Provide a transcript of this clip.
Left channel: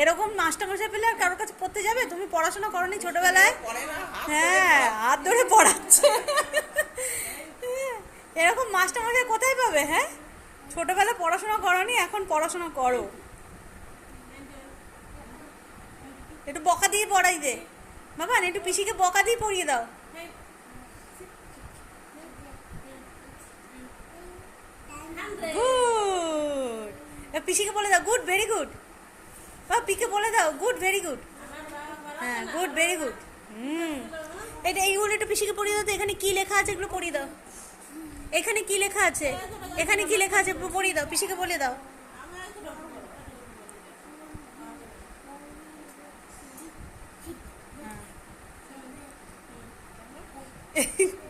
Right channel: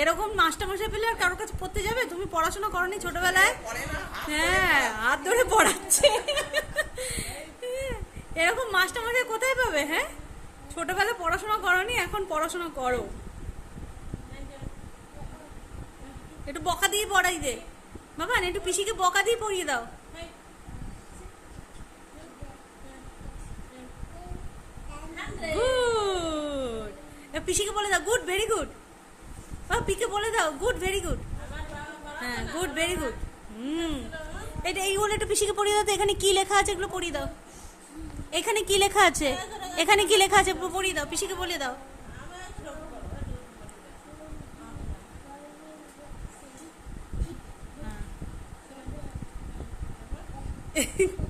এরকম মাস্টারমশাই পেলে আর কারোর কাছে পড়তে যাবে? তুমি পড়াশোনা করনি ছোটবেলায়? হ্যাঁ, হাত ধরে পড়াচ্ছে। এরকম মাস্টারমশাই কোথায় পাবে? হ্যাঁ, ছোটবেলায় পড়াশোনা করনি, এখন পড়াশোনা করো। একটু বকা দিয়ে পড়াই দে বাবা, একটু পিসিকে বকা দিয়ে পড়িয়ে দাও। গুড, পিসিকে বলে দাও গুড, ভেরি গুড। পিকে বলে দাও গুড, ভেরি গুড। হ্যাঁ, গুড, ভেরি গুড। এটা এইগুলো একটু পিসিকে পড়িয়ে দাও তো। এখানে কি লেখা আছে এগুলো পড়িয়ে দাও। এখানে কি লেখা আছে? এখানে কি লেখা আছে পড়িয়ে দাও, পিসিকে বলে দাও। হ্যাঁ।